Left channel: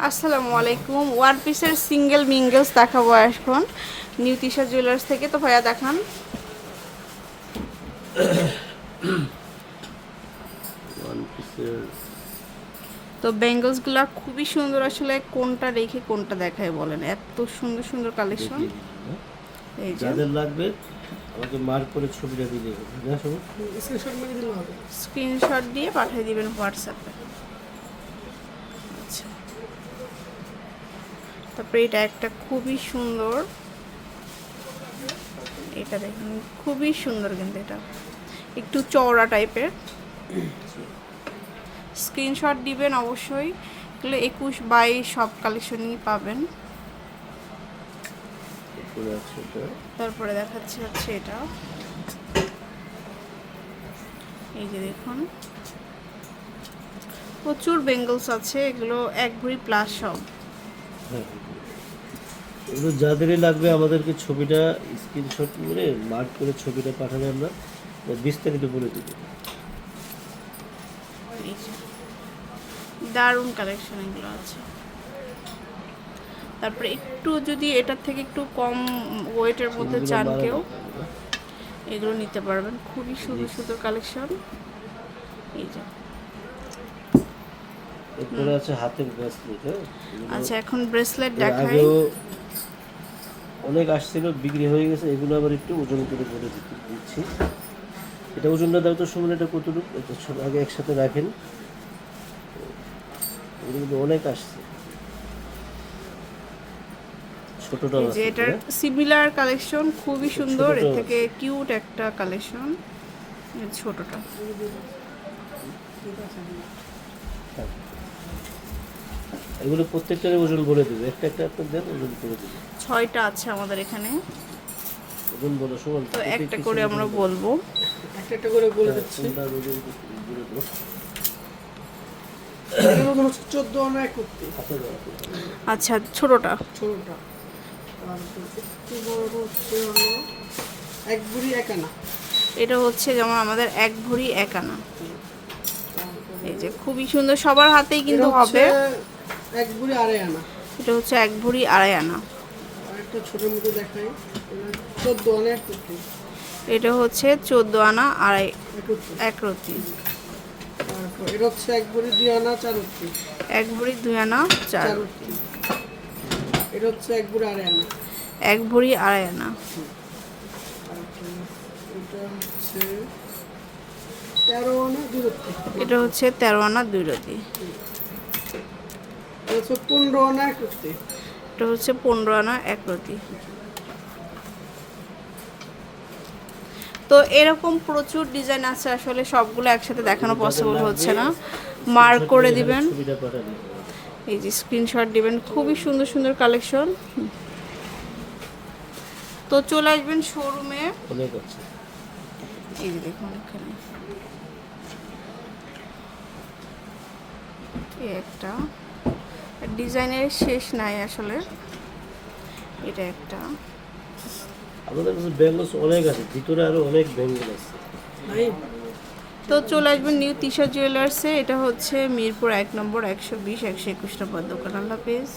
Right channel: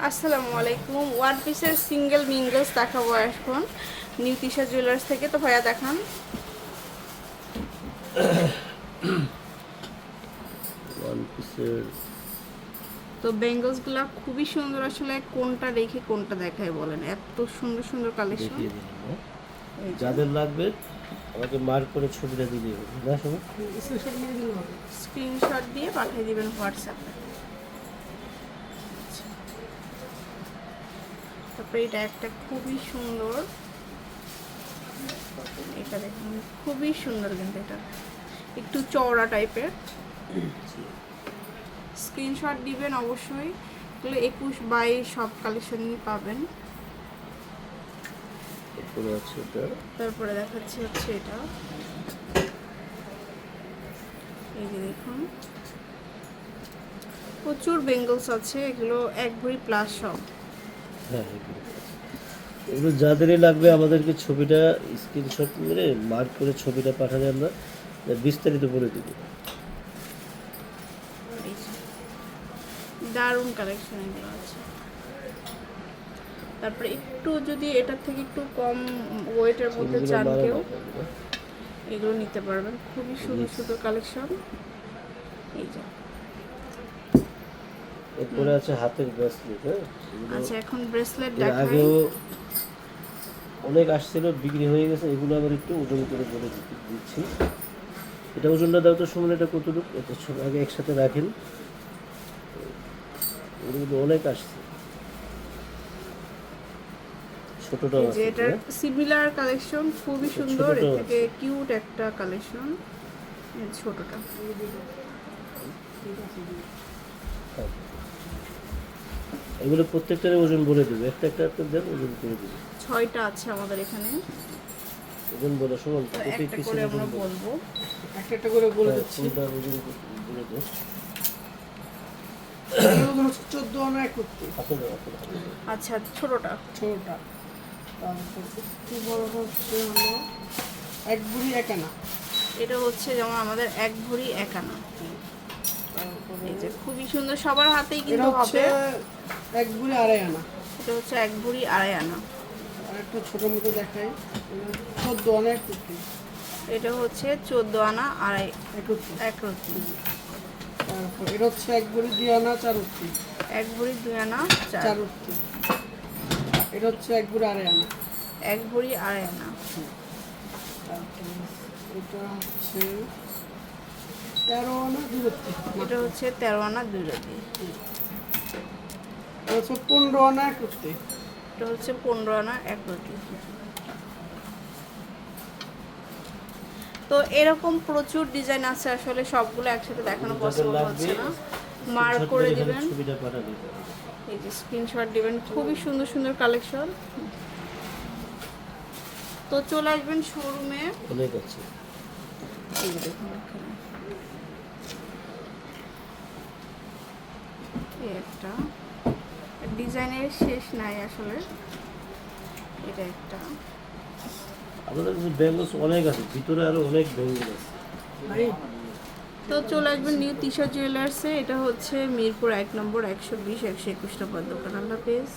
আসসালামু আলাইকুম। ওয়ান পিসের সিঙ্গেল মিঙ্গেলস দেখাবো এখন। নিউ তিশা জুয়েলার্স থেকে। তো ভাইয়া দেখান। তো বেঙ্গলসগুলা খুবই সুন্দর। আসলে কোনটা রেখে কোনটা দেখায় বলেন। এত সুন্দর সুন্দর কালেকশন হ্যাঁ? যাদের লাগবে আমাকে মার্ক করে ছবিটা দিয়ে দেবেন। স্ক্রিনশট দিয়ে পাঠিয়ে দিবেন হোয়াটসঅ্যাপে আচ্ছা। তারপরে এটা একটা খুবই সুন্দর। এটা দেখুন খুবই সুন্দর কিন্তু এটা। একটু চওড়া টাইপের। স্ক্রিনশট দিবেন অবশ্যই এগুলো একুশ বাইশ সব কালেকশনই পাবেন। তারপরে দেখাচ্ছি হচ্ছে এটা। এই যে দেখুন। প্রচুর বেঙ্গলস আছে এগুলো এক ভরি প্লাস সব। হ্যাঁ এগুলো। যাদেরই লাগবে আমাদেরকে ছবিটা স্ক্রিনশট মেরে মার্ক করে ছবিটা পাঠালে আমরা বিস্তারিত বলে দেবো। দারুণ কালেকশন এগুলো আছে তারপরে একটু যদি এটার থেকে একটু কম ওয়েটের মধ্যে চান কেউ এগুলো। নিতে পারবেন খুবই সুন্দর সুন্দর কালেকশন এই যে এরপরে আছে হাতের ব্রেসলেট হ্যাঁ আচ্ছা এখন ব্রেসলেট দেখাই অনেক আসছিল বিক্রি হয়ে গেছে এগুলো আবার একটু ওজন করে করে দিচ্ছি। এটা ওজনটা দাও তো সময় এটা কতটুকু? এটা আগে একসাথে রাখেন। এগুলো কিন্তু অনেক আসছে। ছোটটাও আছে এটার হ্যাঁ? সিমিলার কালেকশন খুবই সুন্দর। এর থেকে কিউট একটা কালেকশন ছোটটা। এগুলো প্রত্যেকটার ওজন বলে দেবে। একটা একটা একটা দেন ওজন করে দেবে। ছয়টা আছে আমাদের এখানে। ওজন বলো সমান তো একটা করে আমরা বলব। একটা একটা করে বলে দিচ্ছি। দেবে। চোদ্দ আনা একত্রিশ। আছে না। আচ্ছা ছোটটা। ছোটটা। তারপর একটু বড়টা হচ্ছে হলো এক বুড়ি এক আনা। এটা হচ্ছে যেমন আমাদের এক ভরি এক আনা। এই যে খুবই সুন্দর সবার হাতেই কিন্তু হবে এক বুড়ি আড়াই আনা। এটা হচ্ছে এক ভরি আড়াই আনা। আর একটা ছোট মতো দেখাই। চোদ্দ আনা একত্রিশ এটা হচ্ছে চোদ্দ আনা আড়াই একত্রিশ এক রতি তারপর এটা হচ্ছে এক বুড়ি দুই আনা চার উত্রিশ এক ভরি দুই আনা চার। চার এটা হচ্ছে এক বুড়ি আড়াই আনা। এক ভরি আড়াই আনা। এটা হচ্ছে তেরো আনা দুই এটা হচ্ছে তেরো আনা দুই রতি এটা হচ্ছে পনেরো আনা একত্রিশ এটা হচ্ছে পনেরো আনা এক রতি তো এরকম প্রচুর ডিজাইন আছে আসলে সবগুলো একসাথে দেখানো পসিবল হচ্ছে না। মার্ক করে দিবেন এই যে স্ক্রিনশট দিবেন খুবই সুন্দর সুন্দর কালেকশন তো চলে আসবেন শোরুমে অনেক আছে। এই দেখুন এখানে। একটা। ডিজাইনের শেষ নাই আসলে। এটা একটা। আমাদের কাছে ব্যাঙ্গলস অনেক আছে ভিতরে আরও অনেক ব্যাঙ্গল আছে। তো চলে আসবেন নিউ তিশা জুয়েলার্সে এটা হচ্ছে মিরপুর এক নম্বর একশো বিশ একশো একুশ নম্বর দোকান। আল্লাহ হাফেজ।